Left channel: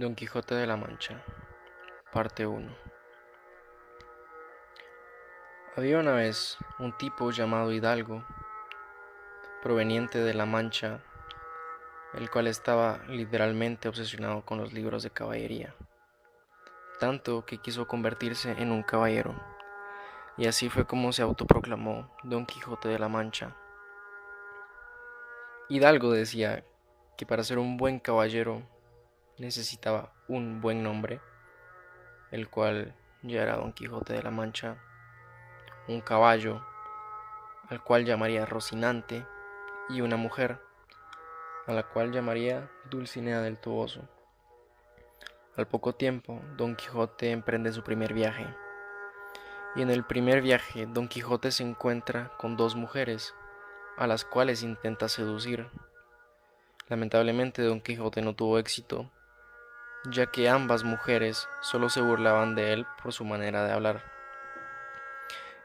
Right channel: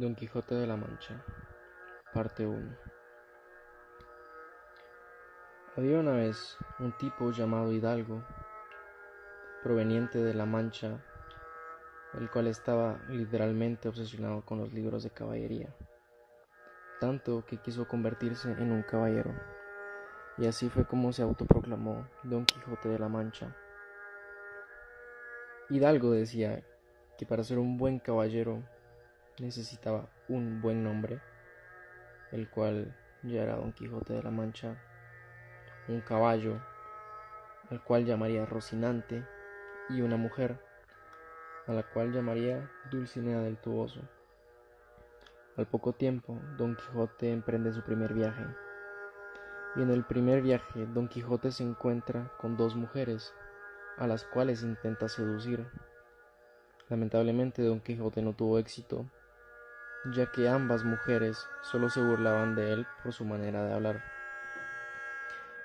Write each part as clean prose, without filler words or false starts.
Don Quijote de la Mancha, parte 1. Había una vez un tipo llamado Hidalgo, proveniente de La Mancha, el cual estaba literalmente obsesionado con los libros de caballería, tanto que quiso convertirse en un caballero, y así fue como se autoproclamó Don Quijote de la Mancha. Hidalgo decía que para ser un buen caballero necesitaba un buen nombre, el cual ya era Don Quijote de la Mancha, un caballo, al cual llamaría Rocinante, y una mujer, a la cual llamaría Dulcinea del Toboso. Al poco tiempo, Don Quijote emprende su primer viaje, y en el primer viaje Don Quijote se encuentra con dos mujeres, a las cuales intenta seducir. Lamentablemente Don Quijote no tuvo éxito, ya que ambas mujeres solo se burlaban de él por su manera de hablar.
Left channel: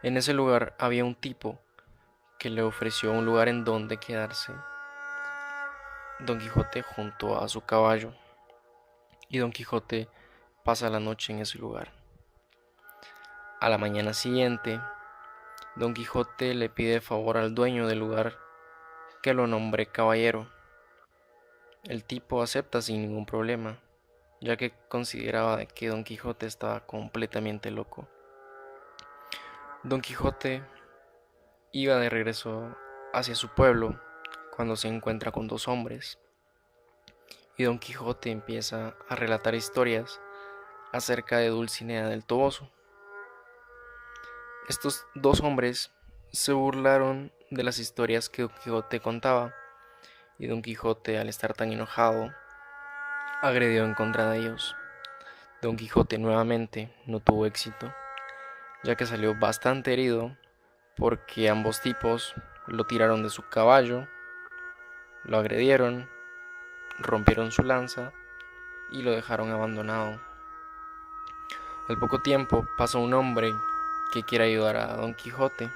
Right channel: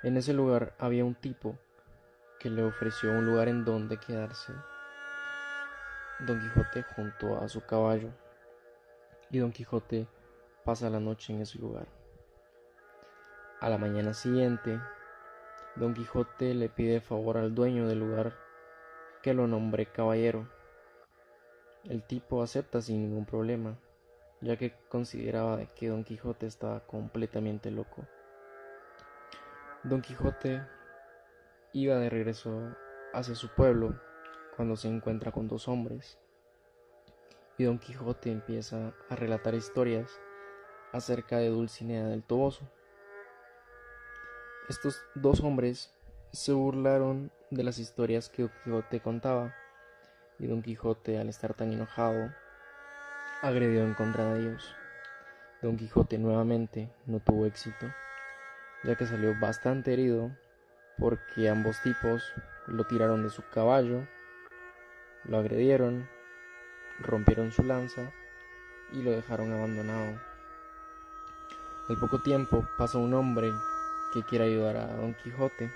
En ese lugar había un tipo que le ofreció un lugar en donde quedarse Don Quijote junto a su caballo, y Don Quijote pasa la noche en ese lugar. A la mañana siguiente, Don Quijote le pide favor al dueño del lugar que lo nombre caballero. El tipo acepta sin ningún problema, ya que consideraba que Don Quijote estaba completamente loco. Don Quijote iba de regreso hacia su pueblo cuando se encuentra con dos hombres, y Don Quijote empieza a relatar historias acerca de Dulcinea del Toboso. Estos dos hombres se burlaron de las historias que Don Quijote contaba, y Don Quijote, al estar tan enojado, agredió en contra de ellos. Don Quijote nuevamente no tuvo éxito, ya que salió bastante herido porque ambos tipos lo tiraron de su caballo, lo agredieron, rompieron su lanza y lo dejaron abandonado. Al poco tiempo pasa un hombre que quiere ayudar a Don Quijote,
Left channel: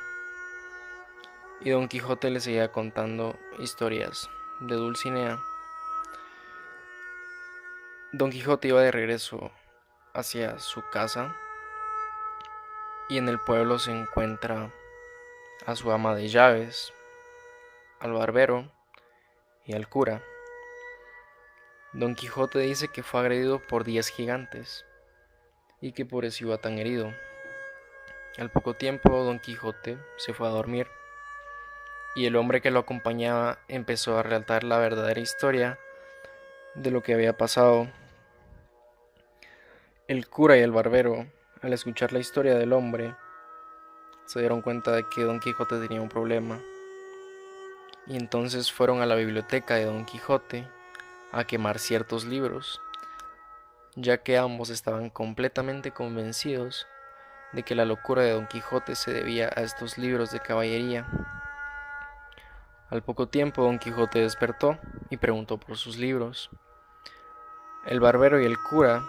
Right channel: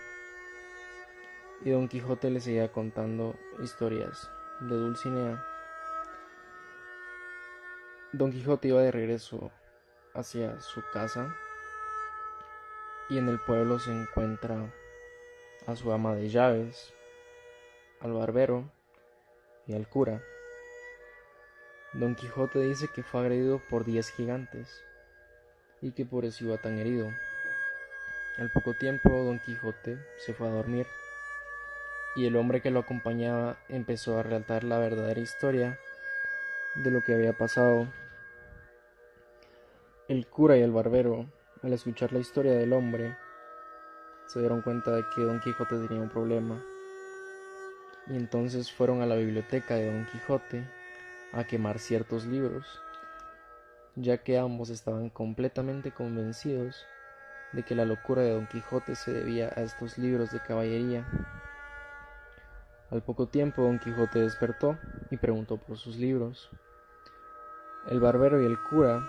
y Don Quijote le seguía contando historias de Dulcinea. Don Quijote iba de regreso hacia su casa, y en el pueblo se encuentra a su ama de llaves, al barbero y al cura. Don Quijote dice que fue agredido por 10 gigantes y que por eso iba tan herido. Al poco tiempo Don Quijote se fue a dormir, y el hombre que lo acompañaba empezó a relatar la verdadera historia de lo que había pasado. El cura y el barbero, al escuchar la historia del hombre, se dieron cuenta de que Don Quijote tenía un problema, y entonces fueron a la biblioteca de Don Quijote a quemar ciertos libros, ya que ambos estaban completamente convencidos de que la locura de Don Quijote se debía a estos libros de caballería. Al poco tiempo Don Quijote despertó y preguntó por sus libros. El barbero y el cura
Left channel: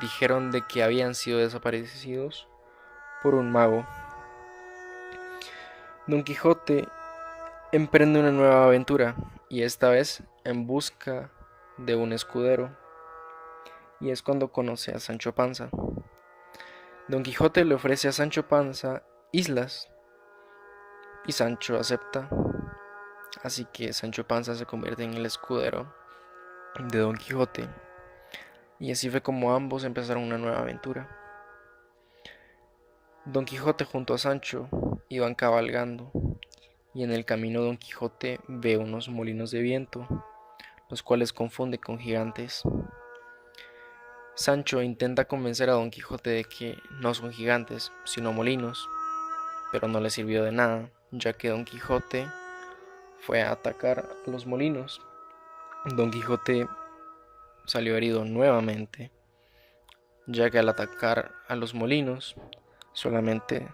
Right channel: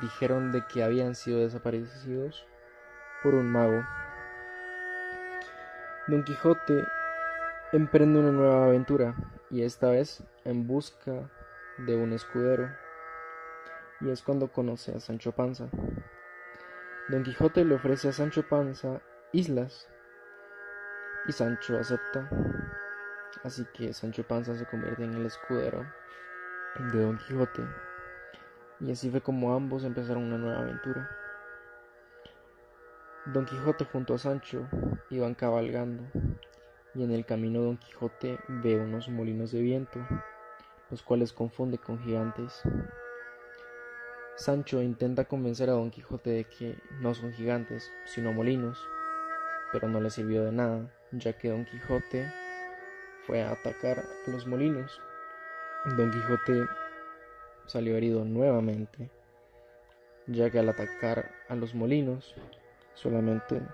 dijeron de que habían sido desaparecidos por un mago. Don Quijote emprende una nueva aventura, y esta vez en busca de un escudero, y es cuando conoce a Sancho Panza. Don Quijote le ofrece a Sancho Panza islas, y Sancho acepta, así que Sancho Panza se convierte en el escudero de Don Quijote, y así fue como ambos empezaron una nueva aventura. Don Quijote junto a Sancho iban cabalgando, y en el camino Don Quijote ve unos molinos de viento, los cuales confunde con gigantes. Sancho intenta convencer a Don Quijote de que no son gigantes, sino molinos, pero no le sirvió de nada, ya que Don Quijote fue a atacar a los molinos. Don Quijote salió herido nuevamente, ya que al atacar a los molinos solamente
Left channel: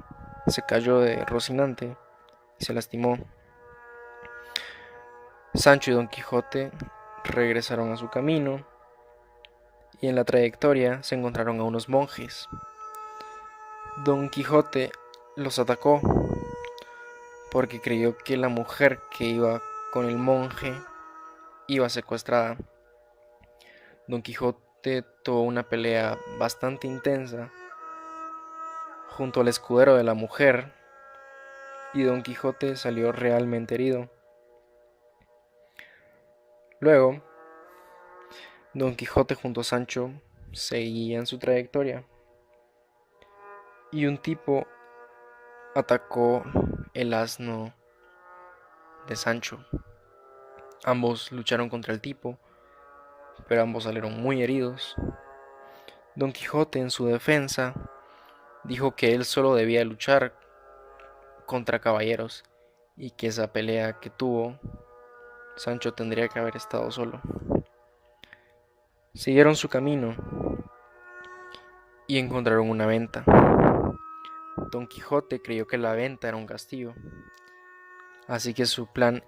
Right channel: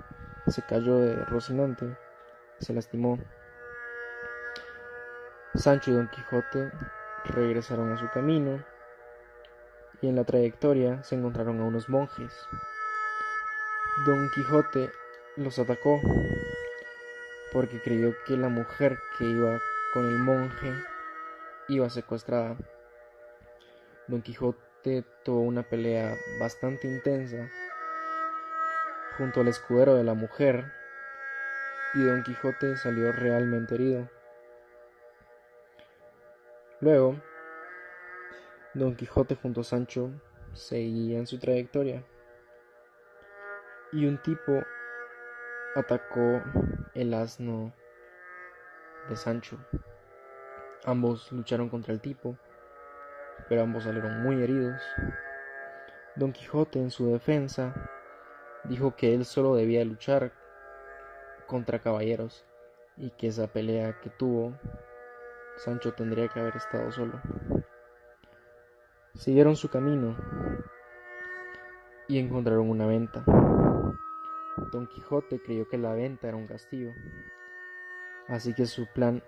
se cayó de Rocinante y se lastimó. Sancho y Don Quijote regresaron a su camino, y en la trayectoria se encontraron a unos monjes. Don Quijote los atacó porque creyó que la mujer que iba con el monje iba secuestrada. Don Quijote Quijote tuvo una pelea bastante intensa junto al escudero de la mujer y Don Quijote salió realmente herido. Luego, Don Quijote junto a Sancho seguían su trayectoria y un tipo atacó el asno de Sancho. Ambos lucharon contra el tipo, pero ambos salieron muy heridos. Don Quijote, en su defensa, dijo que él solo debía luchar contra caballeros y que esa pelea que tuvo, Sancho tendría que haber estado solo. Siguieron su camino y encontraron una venta. Don Quijote creyó que la venta era un castillo, así que su plan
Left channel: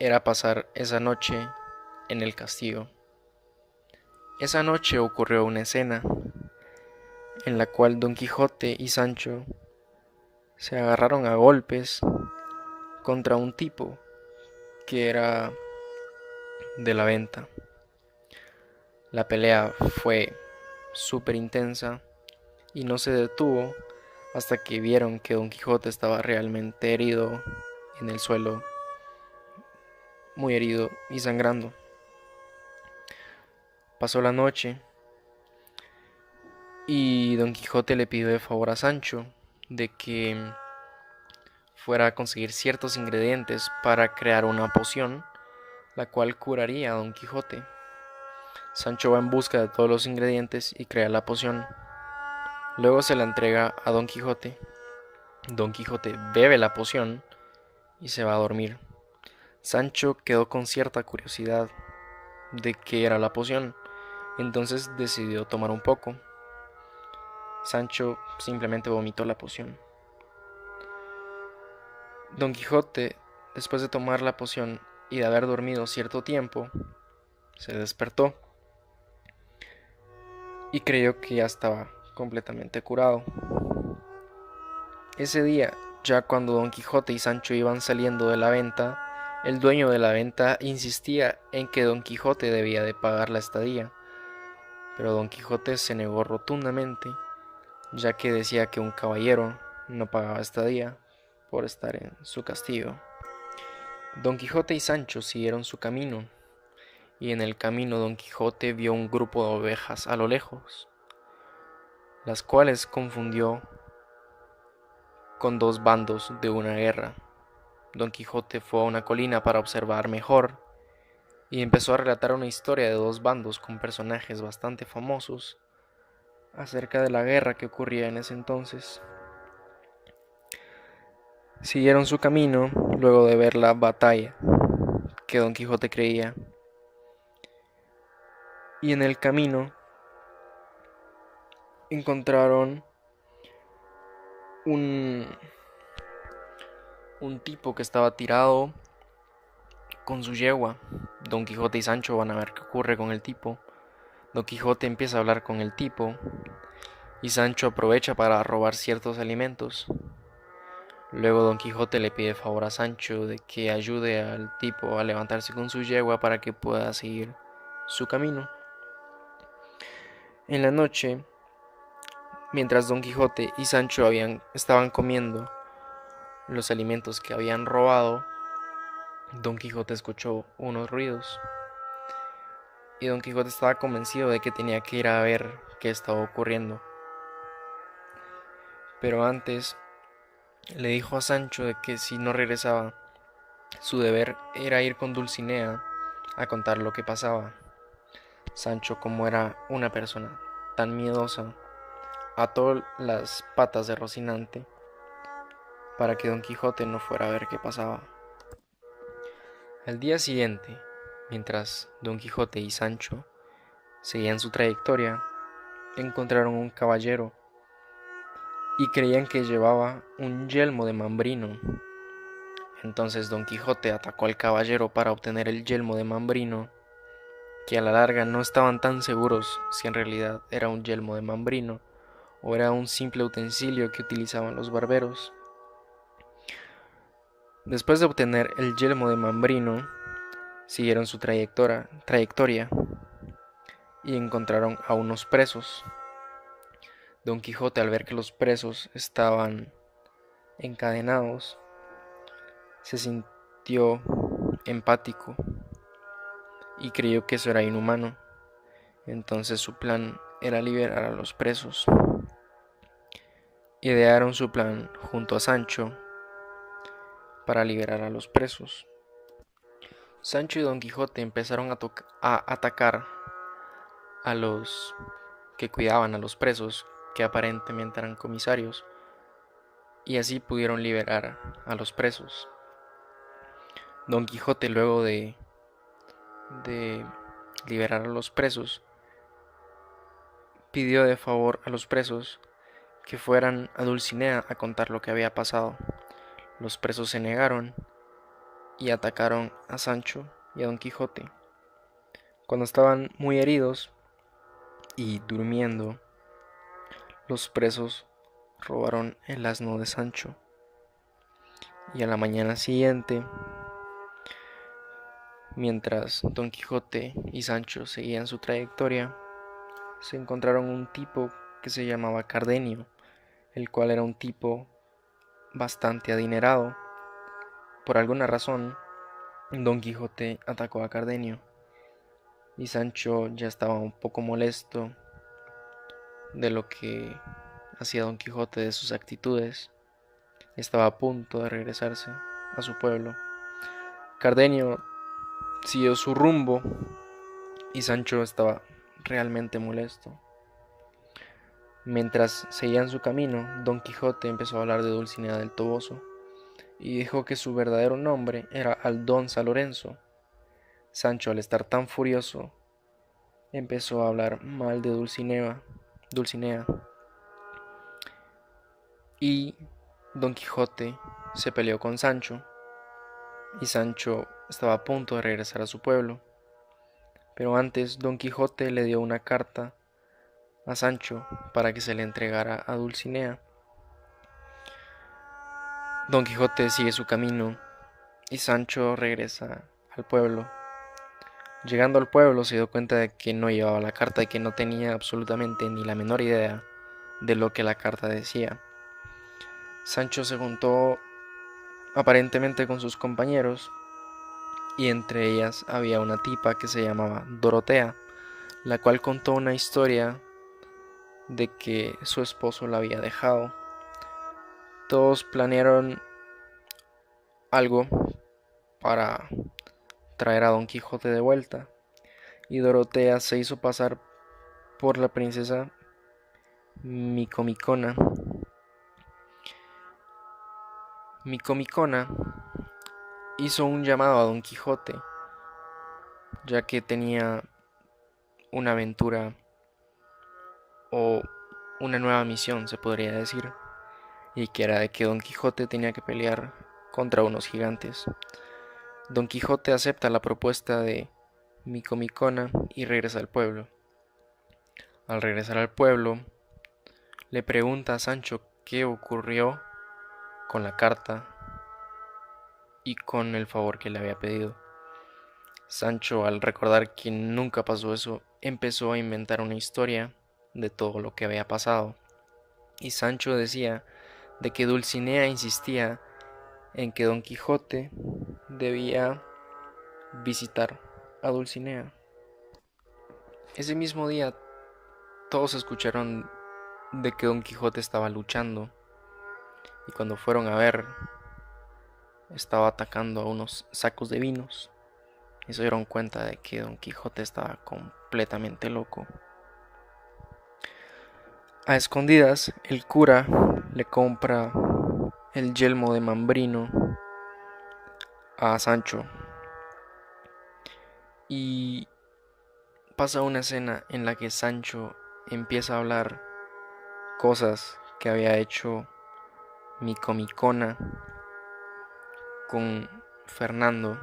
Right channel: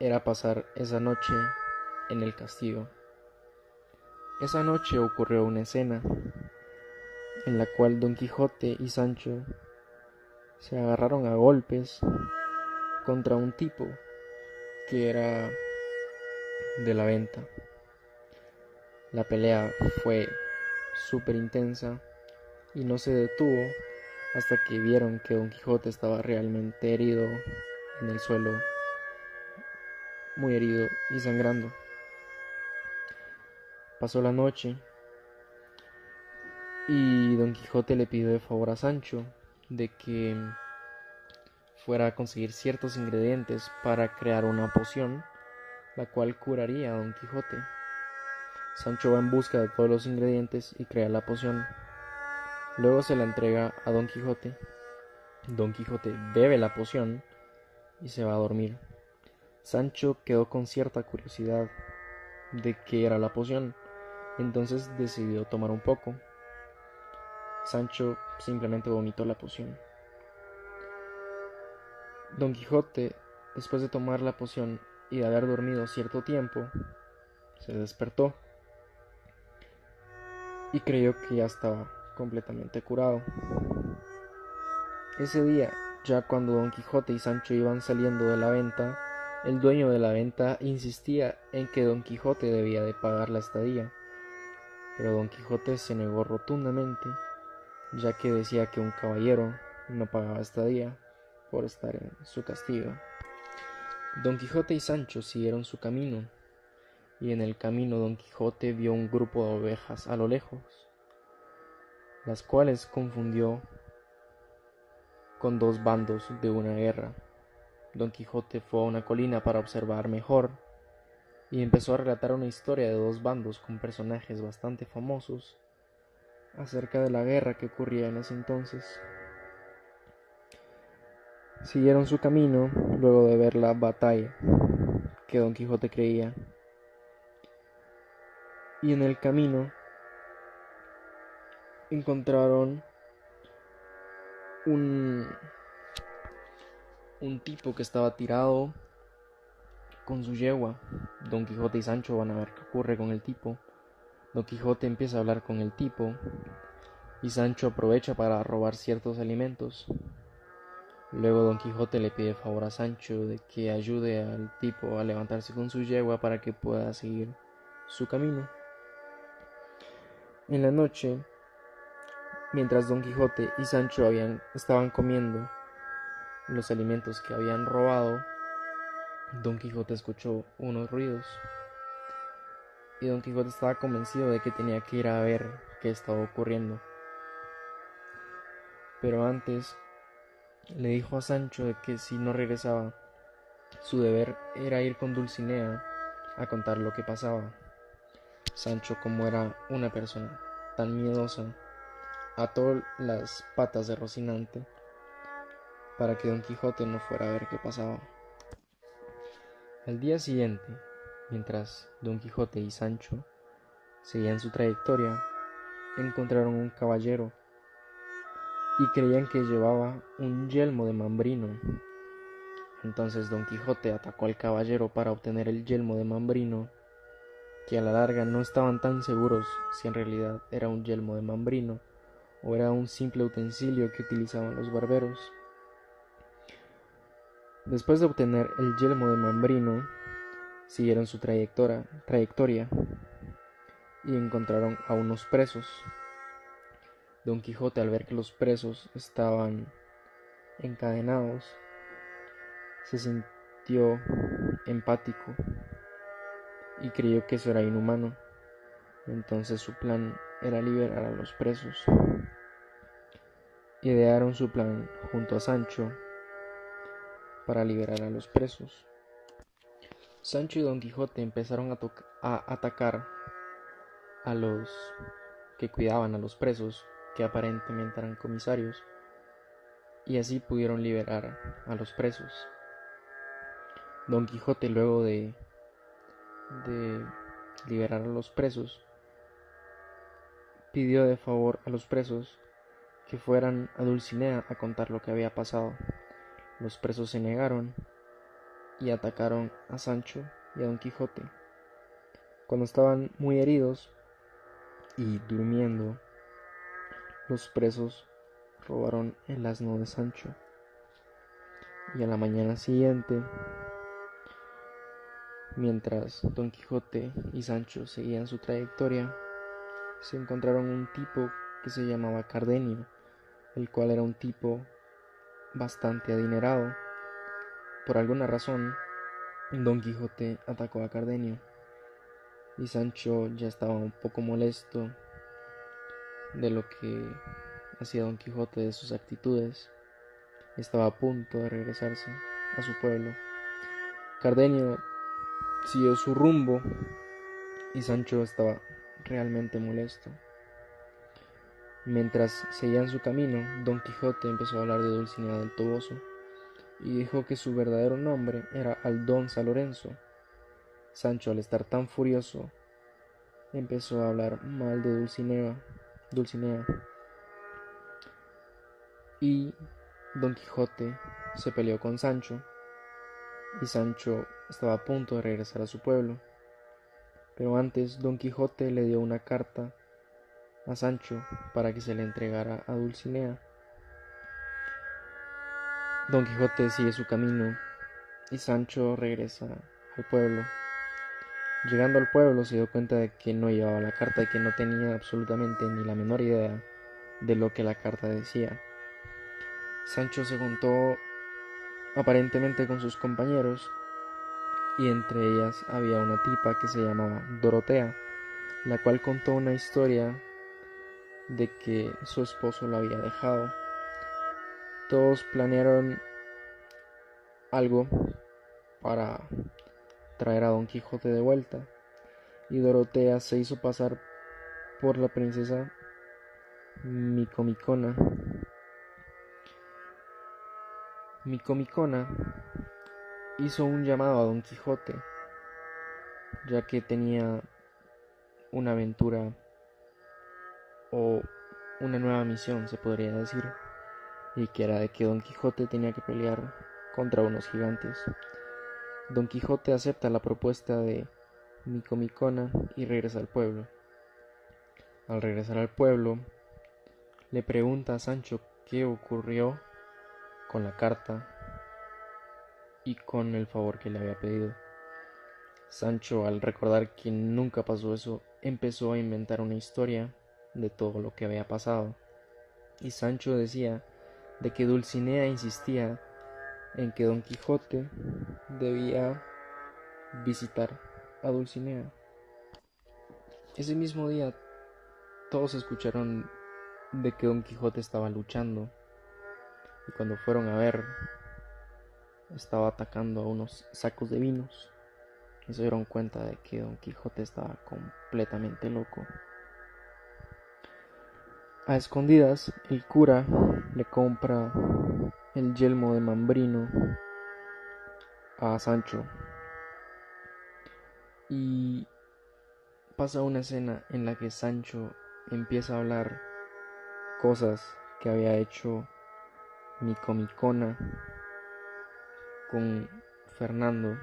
era pasar esa noche en el castillo. Esa noche ocurrió una escena en la cual Don Quijote y Sancho se agarraron a golpes contra un tipo que era de la venta. La pelea fue súper intensa y no se detuvo hasta que vieron que Don Quijote estaba realmente herido en el suelo, muy herido y sangrando. Pasó la noche y Don Quijote le pidió de favor a Sancho de que fuera a conseguir ciertos ingredientes para crear una poción, la cual curaría a Don Quijote. Sancho va en busca de todos los ingredientes y crea la poción. Luego se la entrega a Don Quijote. Don Quijote bebe la poción y se va a dormir. Sancho quedó con cierta curiosidad de qué era la poción, entonces decidió tomar un poco. Sancho simplemente vomitó la poción. Don Quijote, después de tomar la poción y de haber dormido cierto tiempo, se despertó y creyó que ya estaba completamente curado. Ese día, ya cuando Don Quijote y Sancho iban saliendo de la venta, el dueño de la venta insistía en que Don Quijote debía de pagar la estadía, pero Don Quijote se negó rotundamente, ya que decía que un caballero no pagaba estadía por estar en su castillo. Don Quijote y Sancho siguieron su camino, y en el camino Don Quijote vio un grupo de ovejas a lo lejos, las cuales confundió con dos bandos de una guerra. Don Quijote fue a una colina para observar mejor y empezó a relatar una historia de dos bandos con personajes bastante famosos acerca de la guerra que ocurría en ese entonces. Siguieron su camino luego de ver la batalla que Don Quijote creía, y en el camino encontraron un tipo que estaba tirado con su yegua. Don Quijote y Sancho van a ver qué ocurre con el tipo. Don Quijote empieza a hablar con el tipo y Sancho aprovecha para robar ciertos alimentos. Luego Don Quijote le pide favor a Sancho de que ayude al tipo a levantarse con su yegua para que pueda seguir su camino. En la noche, mientras Don Quijote y Sancho estaban comiendo los alimentos que habían robado, Don Quijote escuchó unos ruidos y Don Quijote estaba convencido de que tenía que ir a ver qué estaba ocurriendo. Pero antes le dijo a Sancho de que si no regresaba, su deber era ir con Dulcinea a contar lo que pasaba. Sancho, como era una persona tan miedosa, ató las patas de Rocinante para que Don Quijote no fuera a ver qué pasaba. Al día siguiente, mientras Don Quijote y Sancho seguían su trayectoria, encontraron un caballero y creían que llevaba un yelmo de mambrino. Entonces Don Quijote atacó al caballero para obtener el yelmo de mambrino, que a la larga no estaban tan seguros si en realidad era un yelmo de mambrino o era un simple utensilio que utilizaban los barberos. Después de obtener el yelmo de mambrino, siguieron su trayectoria y encontraron a unos presos. Don Quijote, al ver que los presos estaban encadenados, se sintió empático y creyó que eso era inhumano. Entonces su plan era liberar a los presos. Idearon su plan junto a Sancho para liberar a los presos. Sancho y Don Quijote empezaron a atacar a los que cuidaban a los presos, que aparentemente eran comisarios, y así pudieron liberar a los presos. Don Quijote, luego de liberar a los presos, pidió de favor a los presos que fueran a Dulcinea a contar lo que había pasado. Los presos se negaron y atacaron a Sancho y a Don Quijote. Cuando estaban muy heridos y durmiendo, los presos robaron el asno de Sancho. Y a la mañana siguiente, mientras Don Quijote y Sancho seguían su trayectoria, se encontraron un tipo que se llamaba Cardenio, el cual era un tipo bastante adinerado. Por alguna razón, Don Quijote atacó a Cardenio y Sancho ya estaba un poco molesto de lo que hacía Don Quijote, de sus actitudes. Estaba a punto de regresarse a su pueblo. Cardenio siguió su rumbo y Sancho estaba realmente molesto. Mientras seguían su camino, Don Quijote empezó a hablar de Dulcinea del Toboso y dijo que su verdadero nombre era Aldonza Lorenzo. Sancho, al estar tan furioso, empezó a hablar mal de Dulcinea, y Don Quijote se peleó con Sancho y Sancho estaba a punto de regresar a su pueblo. Pero antes Don Quijote le dio una carta a Sancho para que se le entregara a Dulcinea. Don Quijote sigue su camino y Sancho regresa al pueblo. Llegando al pueblo se dio cuenta de que no llevaba la carta y que no tenía absolutamente ni la menor idea de lo que la carta decía. Sancho se juntó aparentemente con sus compañeros y entre ellas había una tipa que se llamaba Dorotea, la cual contó una historia de que su esposo la había dejado. Todos planearon algo para traer a Don Quijote de vuelta y Dorotea se hizo pasar por la princesa Micomicona. Micomicona hizo un llamado a Don Quijote, ya que tenía una aventura o una nueva misión, se podría decir, y que era de que Don Quijote tenía que pelear contra unos gigantes. Don Quijote acepta la propuesta de Micomicona y regresa al pueblo. Al regresar al pueblo, le pregunta a Sancho qué ocurrió con la carta y con el favor que le había pedido. Sancho, al recordar que nunca pasó eso, empezó a inventar una historia de todo lo que había pasado. Y Sancho decía de que Dulcinea insistía en que Don Quijote debía visitar a Dulcinea. Ese mismo día todos escucharon de que Don Quijote estaba luchando y cuando fueron a ver estaba atacando a unos sacos de vinos y se dieron cuenta de que Don Quijote estaba completamente loco. A escondidas, el cura le compra el yelmo de Mambrino a Sancho y pasa una escena en la que Sancho empieza a hablar cosas que había hecho Micomicona con Fernando,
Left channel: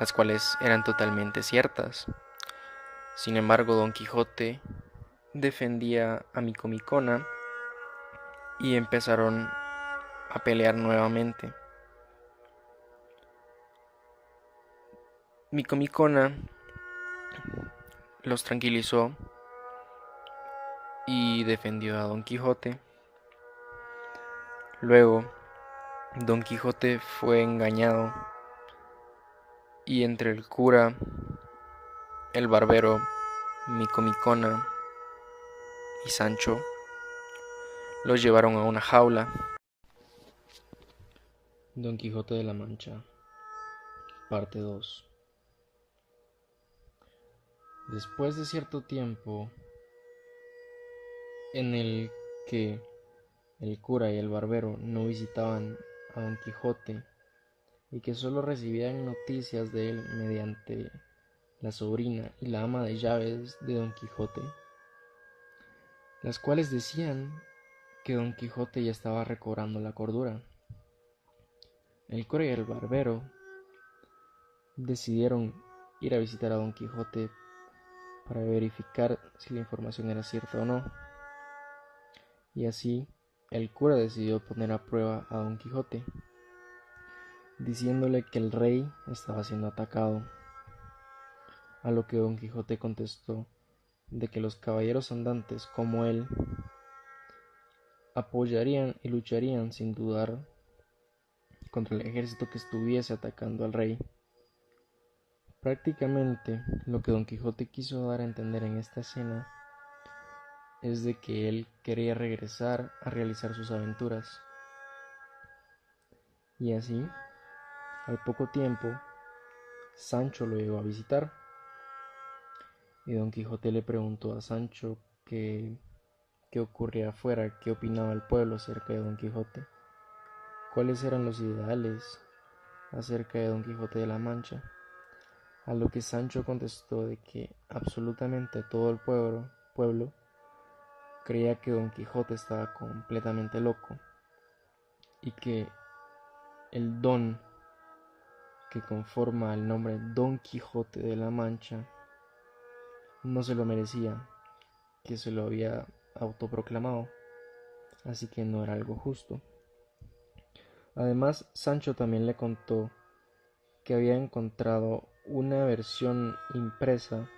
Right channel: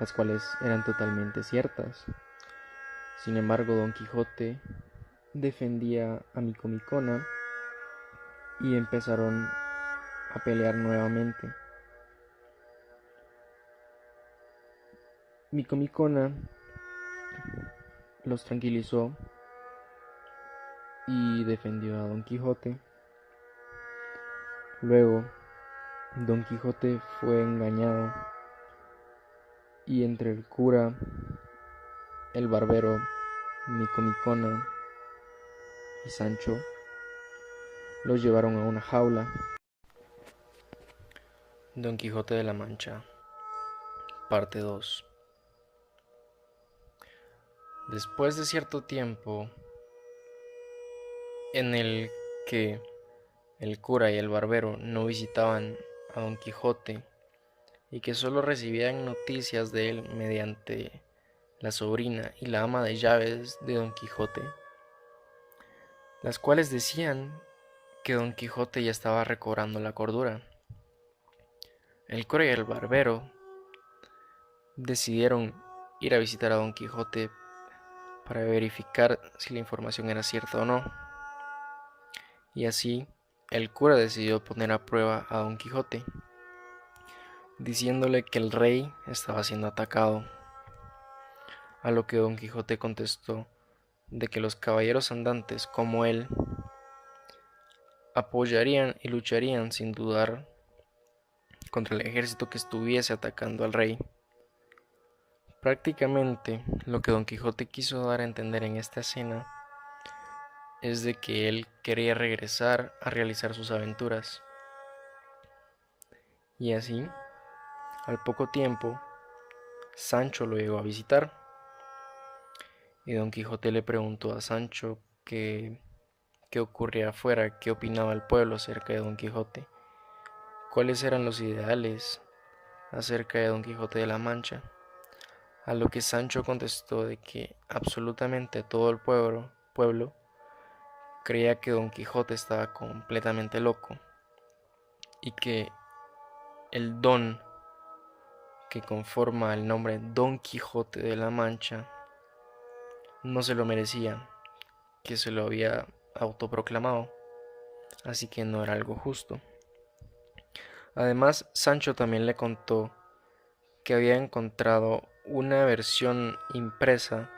las cuales eran totalmente ciertas. Sin embargo, Don Quijote defendía a Micomicona y empezaron a pelear nuevamente. Micomicona los tranquilizó y defendió a Don Quijote. Luego, Don Quijote fue engañado y entre el cura, el barbero, Micomicona y Sancho los llevaron a una jaula. Don Quijote de la Mancha, parte 2. Después de cierto tiempo en el que el cura y el barbero no visitaban a Don Quijote y que solo recibían noticias de él mediante la sobrina y la ama de llaves de Don Quijote, las cuales decían que Don Quijote ya estaba recobrando la cordura. El cura y el barbero decidieron ir a visitar a Don Quijote para verificar si la información era cierta o no. Y así, el cura decidió poner a prueba a Don Quijote, diciéndole que el rey estaba siendo atacado, a lo que Don Quijote contestó de que los caballeros andantes como él apoyarían y lucharían sin dudar contra el ejército que estuviese atacando al rey. Prácticamente lo que Don Quijote quiso dar a entender en esta escena es de que él quería regresar a realizar sus aventuras. Y así, al poco tiempo, Sancho lo llegó a visitar y Don Quijote le preguntó a Sancho qué ocurría afuera, qué opinaba el pueblo acerca de Don Quijote, cuáles eran los ideales acerca de Don Quijote de la Mancha, a lo que Sancho contestó de que absolutamente todo el pueblo creía que Don Quijote estaba completamente loco y que el don que conforma el nombre Don Quijote de la Mancha no se lo merecía, que se lo había autoproclamado, así que no era algo justo. Además, Sancho también le contó que había encontrado una versión impresa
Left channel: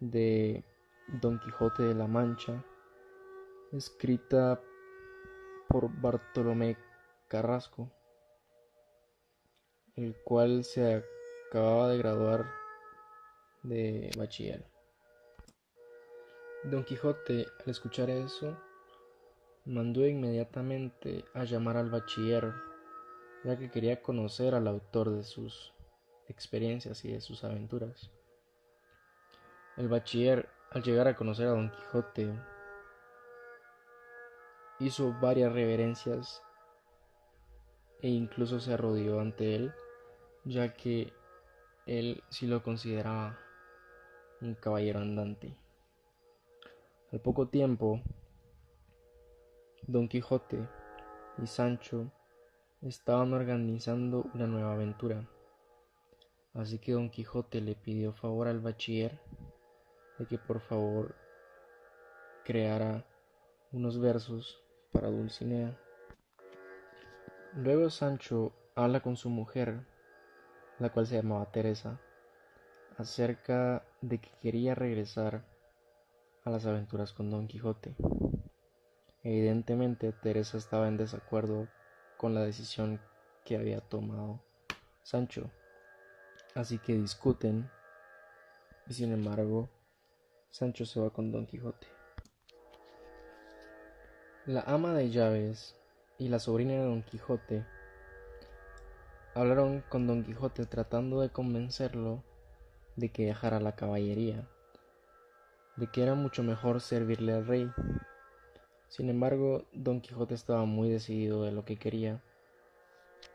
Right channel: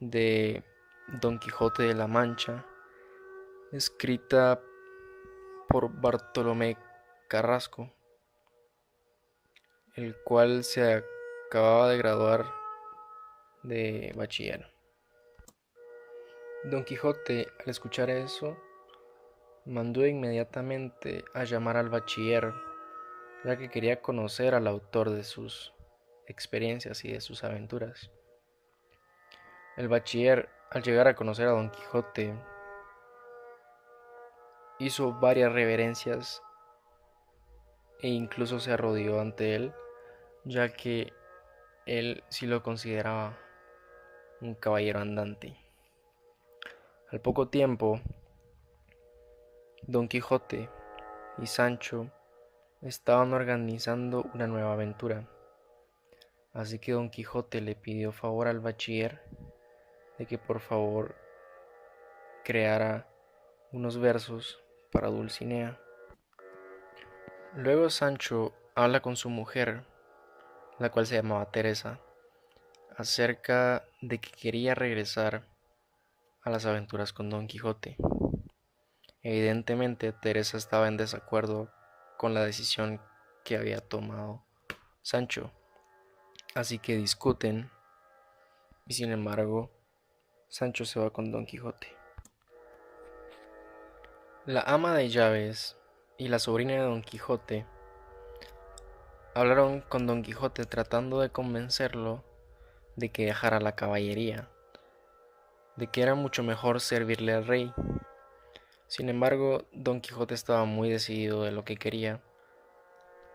de Don Quijote de la Mancha, escrita por Bartolomé Carrasco, el cual se acababa de graduar de bachiller. Don Quijote, al escuchar eso, mandó inmediatamente a llamar al bachiller, ya que quería conocer al autor de sus experiencias y de sus aventuras. El bachiller, al llegar a conocer a Don Quijote, hizo varias reverencias e incluso se arrodilló ante él, ya que él sí lo consideraba un caballero andante. Al poco tiempo, Don Quijote y Sancho estaban organizando una nueva aventura, así que Don Quijote le pidió favor al bachiller de que por favor creara unos versos para Dulcinea. Luego Sancho habla con su mujer, la cual se llamaba Teresa, acerca de que quería regresar a las aventuras con Don Quijote. Evidentemente Teresa estaba en desacuerdo con la decisión que había tomado Sancho, así que discuten y sin embargo Sancho se va con Don Quijote. La ama de llaves y la sobrina de Don Quijote hablaron con Don Quijote tratando de convencerlo de que dejara la caballería, de que era mucho mejor servirle al rey. Sin embargo, Don Quijote estaba muy decidido de lo que quería,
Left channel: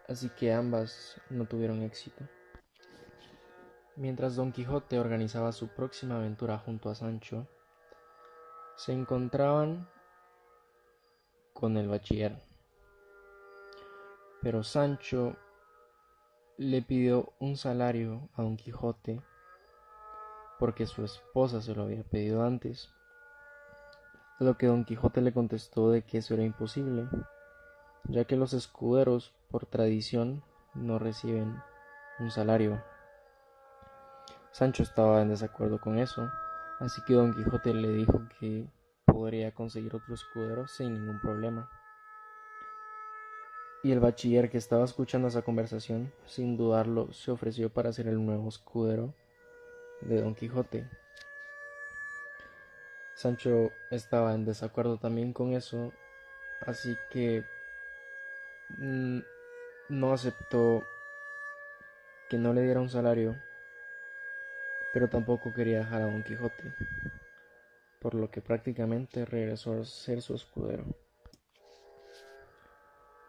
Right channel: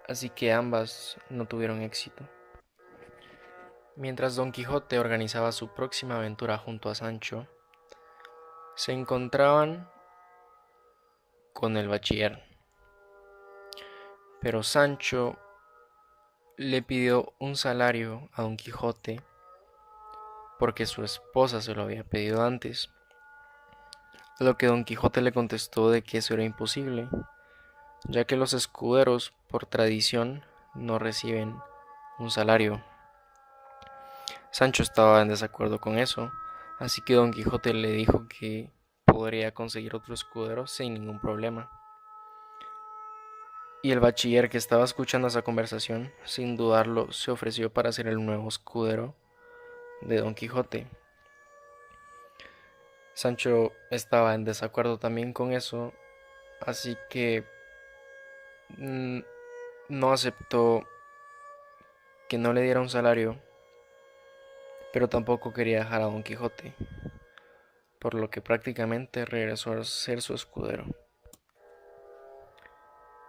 así que ambas no tuvieron éxito. Mientras Don Quijote organizaba su próxima aventura junto a Sancho, se encontraban con el bachiller. Pero Sancho le pidió un salario a Don Quijote porque su esposa se lo había pedido antes, a lo que Don Quijote le contestó de que eso era imposible, ya que los escuderos por tradición no reciben un salario. Sancho estaba en desacuerdo con eso, Así que Don Quijote le dijo que podría conseguir otro escudero sin ningún problema. Y el bachiller, que estaba escuchando esa conversación, sin dudarlo, se ofreció para ser el nuevo escudero de Don Quijote. Sancho estaba en desacuerdo también con eso, así que no aceptó que no le diera un salario, pero tampoco quería dejar a Don Quijote, por lo que prácticamente regresó a ser su escudero.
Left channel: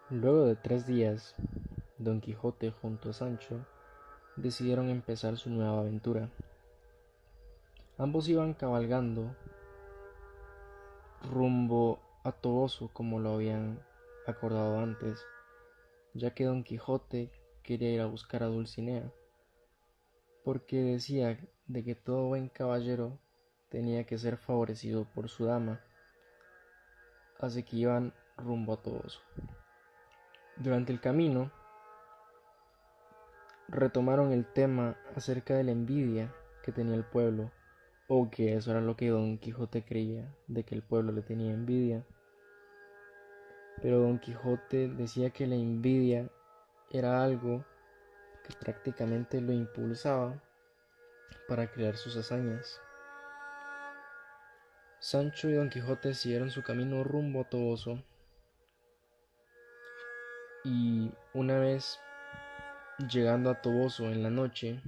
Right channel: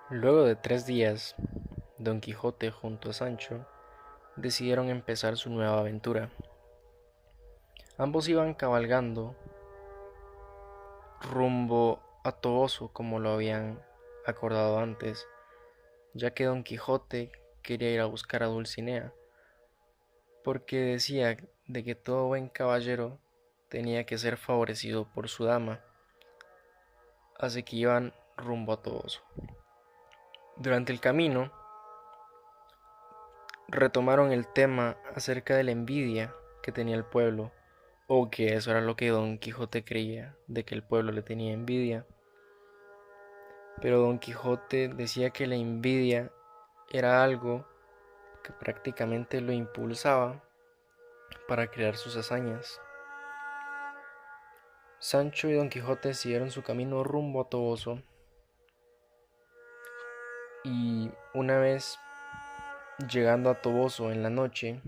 Luego de 3 días, Don Quijote junto a Sancho decidieron empezar su nueva aventura. Ambos iban cabalgando rumbo a Toboso como lo habían acordado antes, ya que Don Quijote quería ir a buscar a Dulcinea, porque decía de que todo buen caballero tenía que ser favorecido por su dama, así que iban rumbo a Toboso. Durante el camino retomaron el tema acerca de la envidia que tenía el pueblo, o que eso era lo que Don Quijote creía, de que el pueblo le tenía envidia. Pero Don Quijote decía que la envidia era algo que prácticamente lo impulsaba para crear sus hazañas. Sancho y Don Quijote siguieron su camino rumbo a Toboso, y una vez llegando a Toboso en la noche,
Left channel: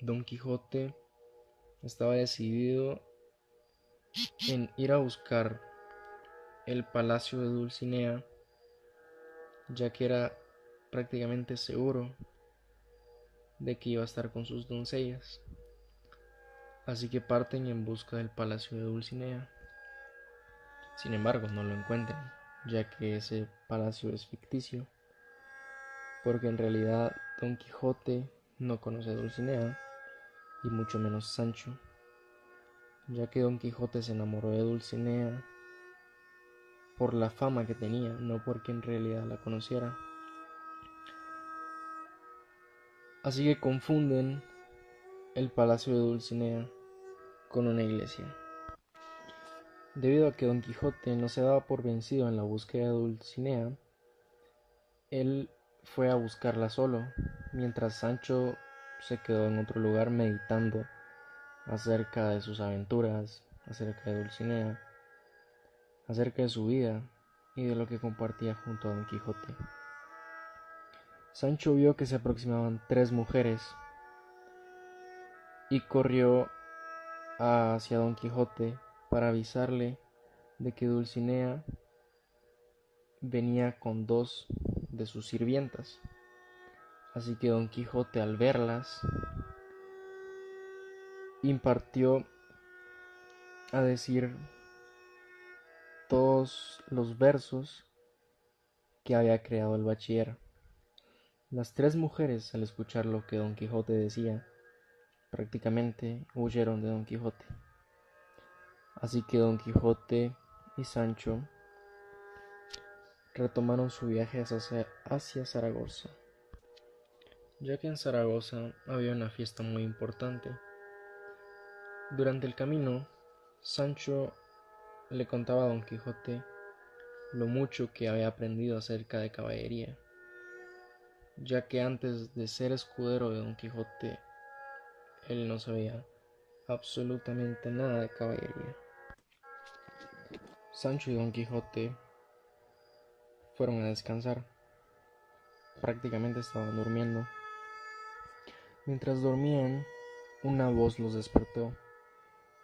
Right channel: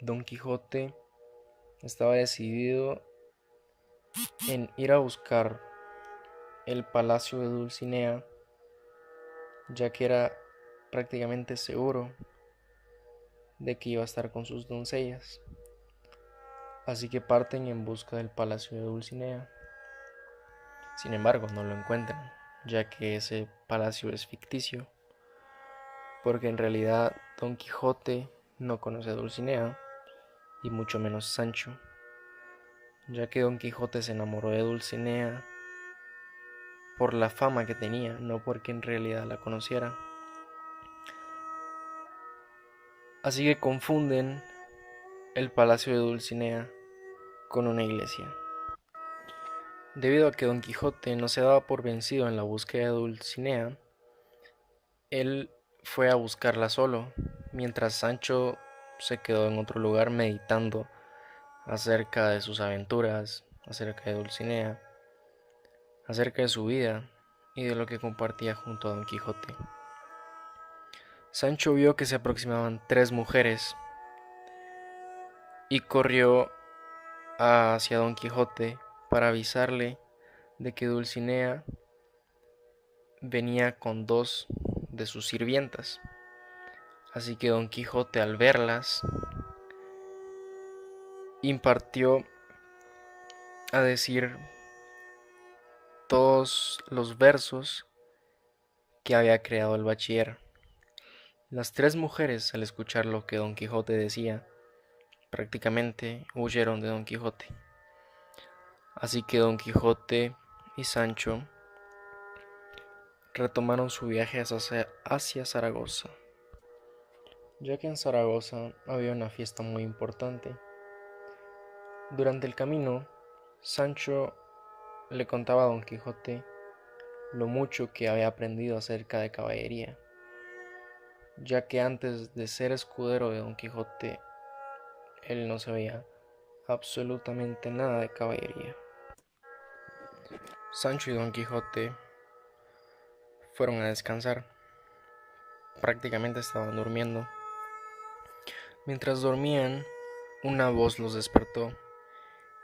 Don Quijote estaba decidido en ir a buscar el palacio de Dulcinea, ya que era prácticamente seguro de que iba a estar con sus doncellas. Así que parten en busca del palacio de Dulcinea. Sin embargo, no lo encuentran, ya que ese palacio es ficticio, porque en realidad Don Quijote no conoce a Dulcinea, y mucho menos Sancho, ya que Don Quijote se enamoró de Dulcinea por la fama que tenía, no porque en realidad la conociera. Así que confunden el palacio de Dulcinea con una iglesia. Debido a que Don Quijote no se daba por vencido en la búsqueda de Dulcinea, él fue a buscarla solo, mientras Sancho se quedó en otro lugar meditando acerca de sus aventuras, acerca de Dulcinea, acerca de su vida y de lo que compartía junto a Don Quijote. Sancho vio que se aproximaban 3 mujeres y corrió hacia Don Quijote para avisarle de que Dulcinea venía con 2 de sus sirvientas. Así que Don Quijote, al verlas, impartió a decir todos los versos que había creado el bachiller. Las 3 mujeres, al escuchar lo que Don Quijote decía, prácticamente huyeron de Don Quijote. Así que Don Quijote y Sancho retomaron su viaje hacia Zaragoza, ya que en Zaragoza había una fiesta muy importante. Durante el camino, Sancho le contaba a Don Quijote lo mucho que había aprendido acerca de caballería, ya que antes de ser escudero de Don Quijote, él no sabía absolutamente nada de caballería. Sancho y Don Quijote fueron a descansar. Prácticamente estaban durmiendo. Mientras dormían, una voz los despertó,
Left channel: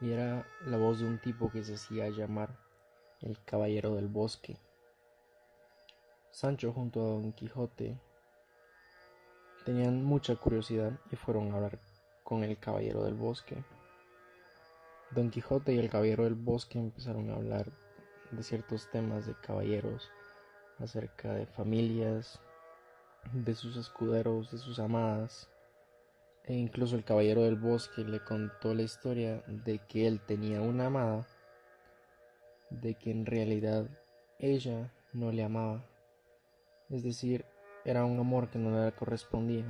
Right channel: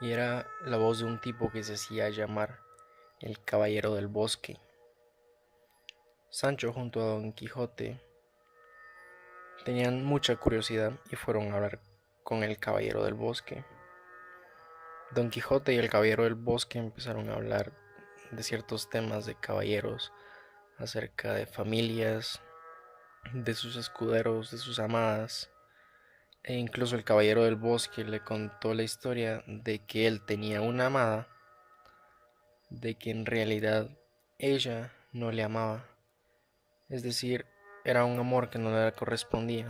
y era la voz de un tipo que se hacía llamar el Caballero del Bosque. Sancho junto a Don Quijote tenían mucha curiosidad y fueron a hablar con el Caballero del Bosque. Don Quijote y el Caballero del Bosque empezaron a hablar de ciertos temas de caballeros, acerca de familias, de sus escuderos, de sus amadas, e incluso el Caballero del Bosque le contó la historia de que él tenía una amada, de que en realidad ella no le amaba, es decir, era un amor que no le correspondía.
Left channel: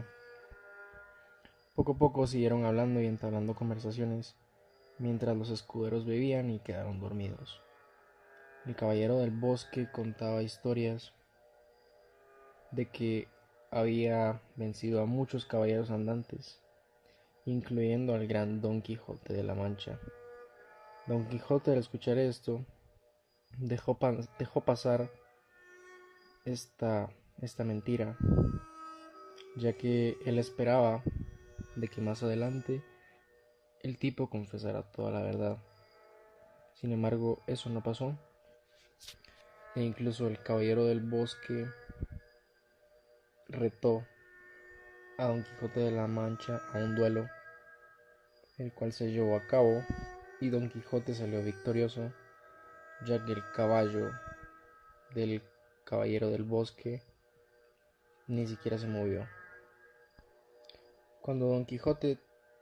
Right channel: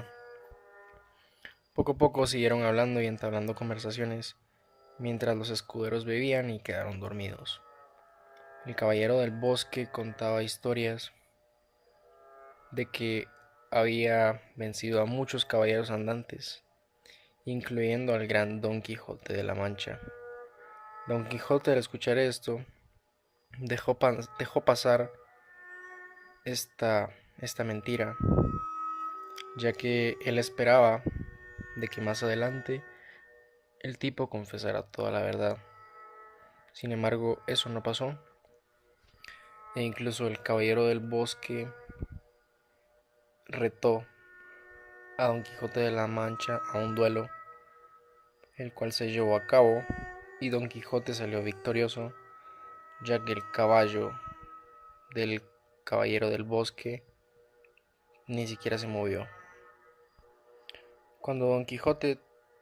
Poco a poco siguieron hablando y entablando conversaciones, mientras los escuderos bebían y quedaron dormidos. El caballero del bosque contaba historias de que había vencido a muchos caballeros andantes, incluyendo al gran Don Quijote de la Mancha. Don Quijote, al escuchar esto, dejó pasar esta mentira, ya que él esperaba de que más adelante el tipo confesara toda la verdad. Sin embargo, eso no pasó, e incluso el caballero del bosque retó a Don Quijote de la Mancha a un duelo, el cual se llevó a cabo y Don Quijote salió victorioso, ya que el caballo del caballero del bosque ni siquiera se movió. Cuando Don Quijote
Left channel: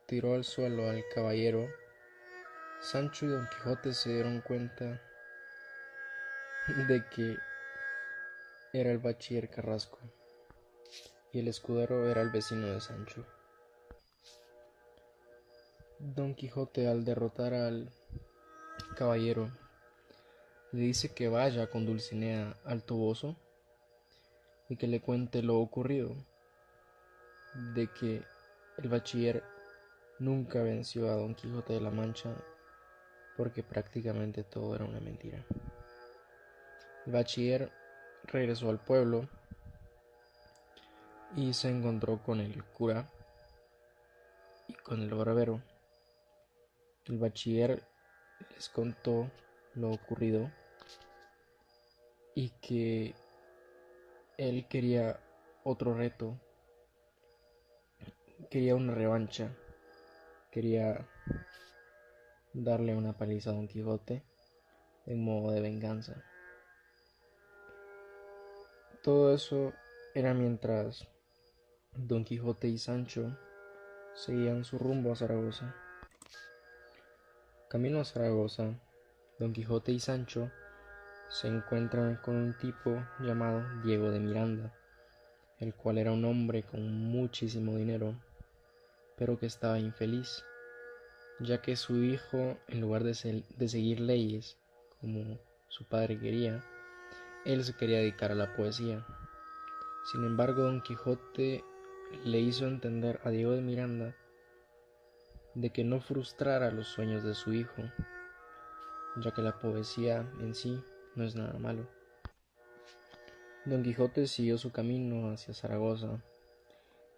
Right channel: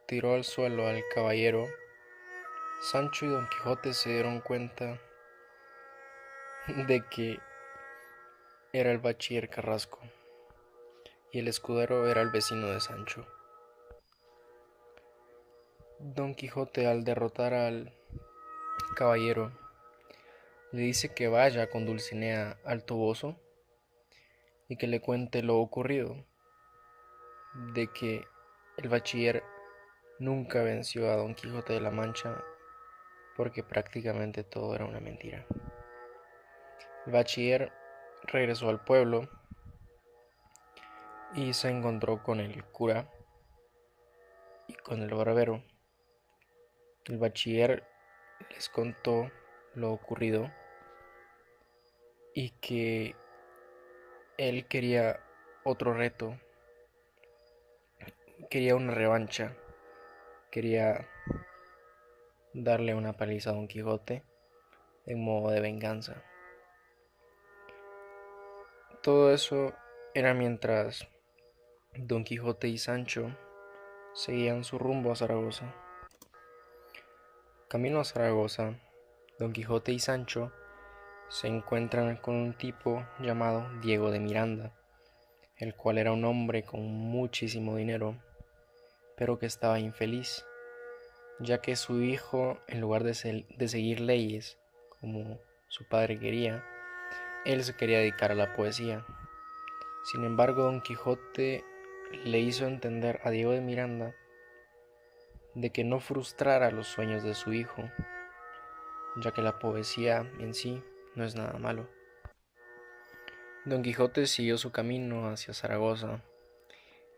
tiró al suelo al caballero, Sancho y Don Quijote se dieron cuenta de que era el bachiller Carrasco y el escudero era el vecino de Sancho. Don Quijote, al derrotar al caballero, le dice que vaya con Dulcinea al Toboso y que le cuente lo ocurrido, de que el bachiller nunca venció a Don Quijote de la Mancha porque prácticamente todo era una mentira. El bachiller regresó al pueblo y se encontró con el cura y con el barbero. El bachiller les contó lo ocurrido y que él quería otro reto, quería una revancha, quería darle una paliza a Don Quijote en modo de venganza. Todo eso era mientras Don Quijote y Sancho seguían su rumbo a Zaragoza. Camino a Zaragoza, Don Quijote y Sancho se encuentran con un tipo llamado Diego de Miranda, el cual era un hombre con muchísimo dinero, pero que estaba infeliz, ya que su hijo, en lugar de seguir leyes como su padre quería, él se quería dedicar a la poesía. Sin embargo, Don Quijote le hizo entender a Diego de Miranda de que no frustrara los sueños de su hijo, ya que la poesía en sí no es nada malo. Don Quijote siguió su camino hacia Zaragoza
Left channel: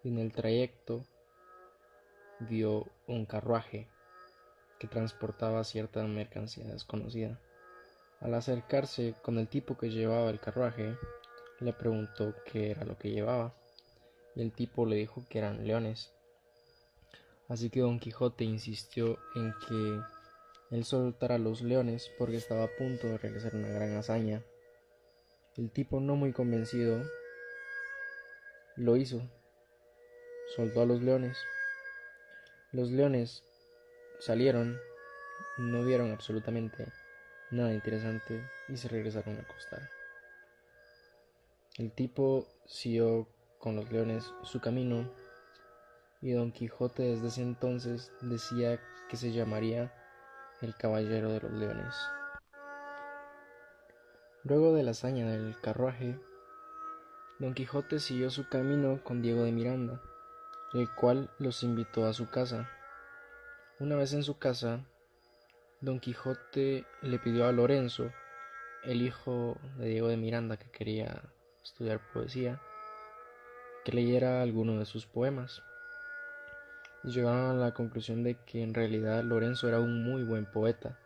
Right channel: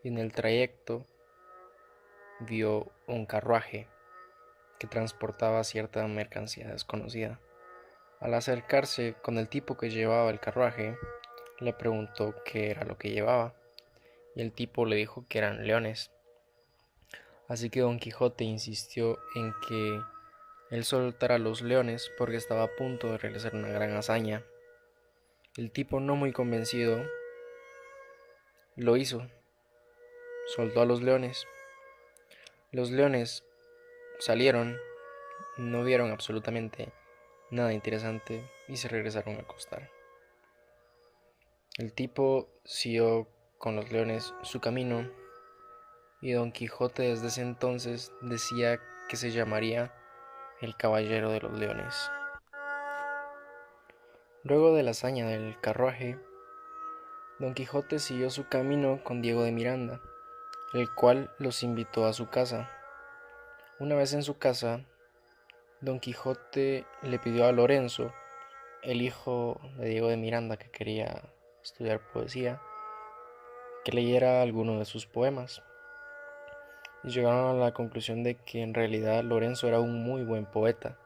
y en el trayecto vio un carruaje que transportaba cierta mercancía desconocida. Al acercarse con el tipo que llevaba el carruaje, le preguntó qué era lo que llevaba y el tipo le dijo que eran leones. Así que Don Quijote insistió en que él soltara los leones porque estaba a punto de realizar una gran hazaña. El tipo, no muy convencido, lo hizo. Soltó a los leones. Los leones salieron, no vieron absolutamente nada interesante y se regresaron a acostar. El tipo siguió con los leones su camino y Don Quijote desde ese entonces decía que se llamaría el Caballero de los Leones. Luego de la hazaña del carruaje, Don Quijote siguió su camino con Diego de Miranda, el cual los invitó a su casa. Una vez en su casa, Don Quijote le pidió a Lorenzo, el hijo de Diego de Miranda que quería estudiar poesía, que leyera alguno de sus poemas. Y llegaron a la conclusión de que en realidad Lorenzo era un muy buen poeta.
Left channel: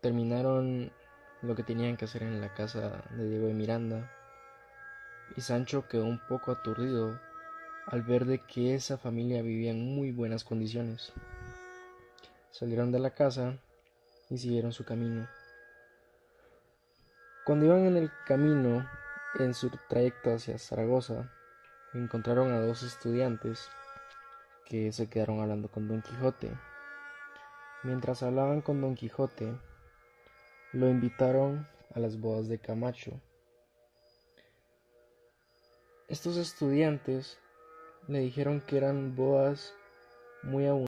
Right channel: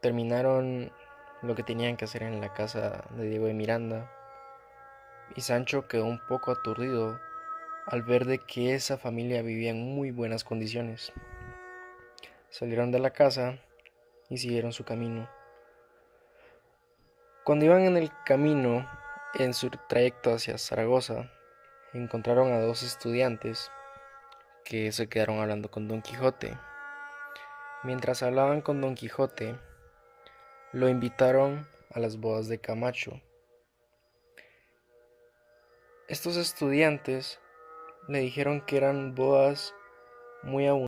Terminaron lo que tenían que hacer en la casa de Diego de Miranda y Sancho quedó un poco aturdido al ver de que esa familia vivía en muy buenas condiciones. Salieron de la casa y siguieron su camino. Cuando iban en el camino, en su trayecto hacia Zaragoza, encontraron a dos estudiantes que se quedaron hablando con Don Quijote. Mientras hablaban con Don Quijote, lo invitaron a las bodas de Camacho. Estos estudiantes le dijeron que eran bodas muy abundantes